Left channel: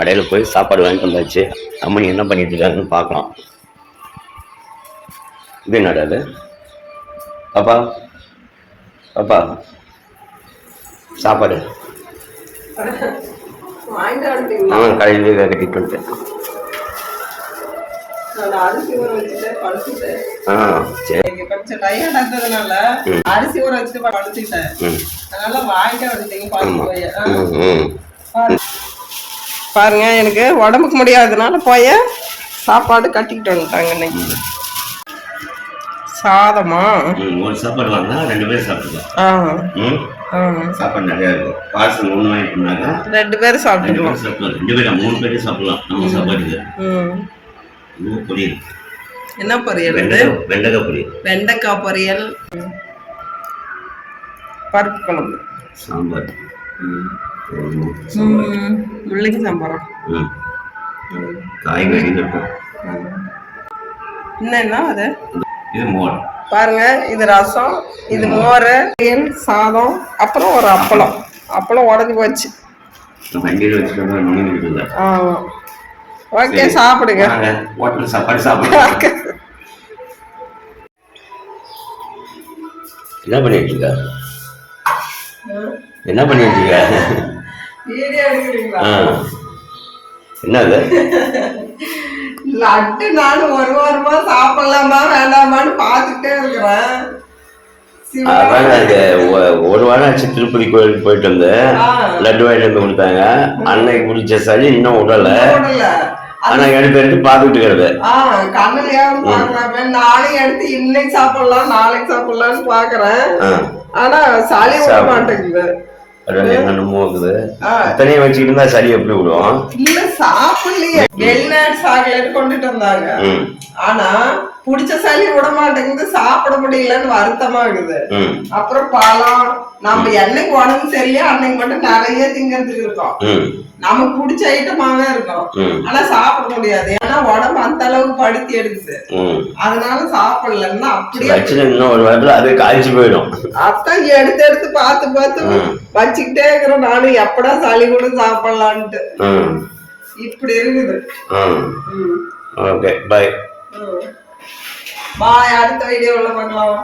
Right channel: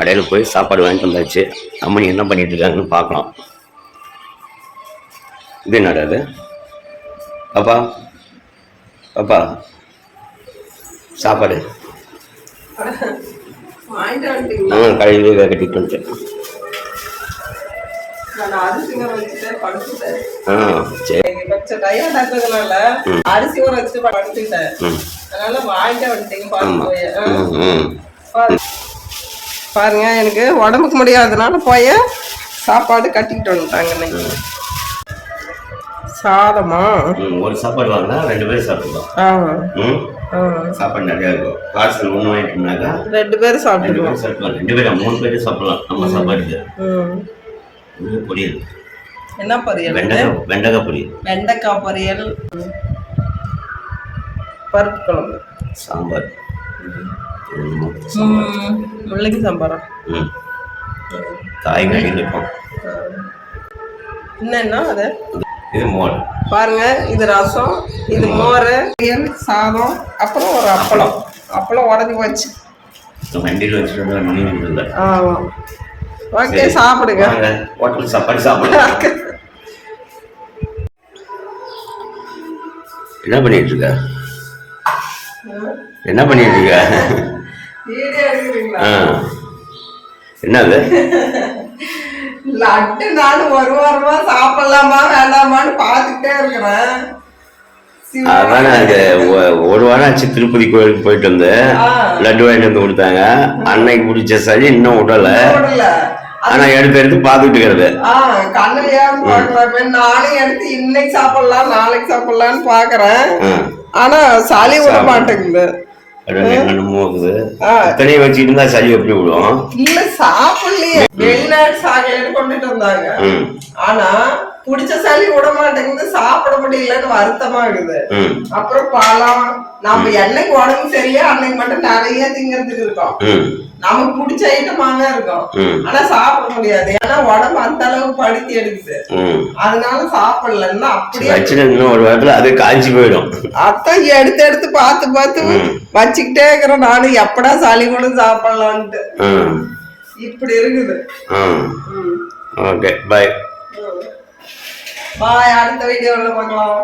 கடையில் போய் சாப்பாடு வாங்கிட்டு வந்தாச்சு. அம்மனி என்ன பண்ணிட்டு இருக்காங்கன்னு பார்க்கலாம். இது என்னடா அது? பாப்பா பாப்பா சாப்பாடு கடையிலே கட்டிட்டு வந்துட்டேன். சரி கொஞ்சம் டயர்ட் ஆகுறதுனால அரிசி ஊற வச்சுட்டு படுத்துட்டேன். அதனால வாங்கிட்டு வந்துட்டீங்க. பாருங்க, எனக்கு உடம்புக்கு முடியாததுனால போய் சாப்பாடு கட்டிக்கிட்டு வந்துட்டாங்க. இன்னைக்கு சாதமா ஒரு சாப்பாடு வாங்கினா 2 பேரும் சாப்பிட்டுக்கலாம். சாப்பாடு நிறைய இருக்கும். பார்சல் 1 வாங்கிட்டோம்னாக்கா 2 பேரும் சாப்பிட்டுக்கலாம். 2 பேரும் 3 பேரும் சாப்பிடலாம் நம்ம சாப்பாடுக்கு. இது பொரியல். என்ன பொரியல்? வெண்டைக்காய் பொரியல். வெண்டைக்காய் பொரியல், பருப்பு குழம்பு, சாம்பார், முள்ளங்கி சாம்பாரா, காய்கறி இருக்கும். என்னன்னா அது? இது மோர். பாருங்க, இது ரசம், இது மோர், சாதம், அப்புறம் ஒரு அப்பளம். அப்பளம் உடஞ்சி போச்சு. வண்டியில் வச்சுட்டு. ஆமா, ஓகே, சாப்பிடுங்க. ஹோட்டல் சாப்பாடு சாப்பிடுங்க. என்ன பண்ணிட்டு இருக்க? என்ன பண்ணிட்டு இருக்க? என்னது? லட்டு நானும் 1 வாரமா சாப்பிடலாமா வேண்டாமான்னு பார்த்துட்டே இருக்கிறேன். அதானே, அது 1 வாரம் ஆச்சு. திருப்பதி கோயிலுக்கு போயிட்டு வந்து லட்டு வாங்கிட்டு வந்து கொடுத்தாங்க. அன்னைக்கு பிடிச்ச சளி இன்னும் விடல. ஆனா எடுத்து பார்த்துட்டு இருக்கிறது. கண்ணுலயா பாக்குறேன். நானும் எடுத்து இன்னைக்கு சாப்பிடலாம் நாளைக்கு சாப்பிடலாம்னு பாக்குறேன். ஆனா சளி விட மாட்டேங்குது. என்னமோ இருக்குது. இத்தனையை வச்சுட்டு இருந்தா சளி எப்படி விடும்? இல்ல, சாப்பிடலையே. வெளிநாட்டு சாக்லேட் கொண்டுட்டு வந்தாங்க. ஆனா புடிச்ச சளி விட மாட்டேங்குது. சாப்பிட முடியலன்னு வருத்தமா இருக்குது. அப்புறம் பழம், நம்ம என்னைக்கு உடம்பு சரியா அன்னைக்கு மட்டும் நிறைய திங்கிறதுக்கு இருக்கோம். நமக்கு பிடிச்ச ஐட்டமாவே இருக்கும். ஆனா சாப்பிட முடியாது. ஏன்னா உடம்பு அந்த அளவுக்கு படுத்தி எடுக்குது. அதனால சாப்பிடலன்னா அப்படியே இன்னும் 1 வாரத்துல அது காய்ச்சி போயிடும். அதான் எடுத்து எடுத்து பார்த்து வச்சுக்கிட்டே இருக்கிறோம். நானும் எப்படா சளி கூட சாப்பிடலான்ட்டு இப்படி இருக்குது. Okay, bye. பாய். அடுத்த வீடியோல பார்க்கலாம்.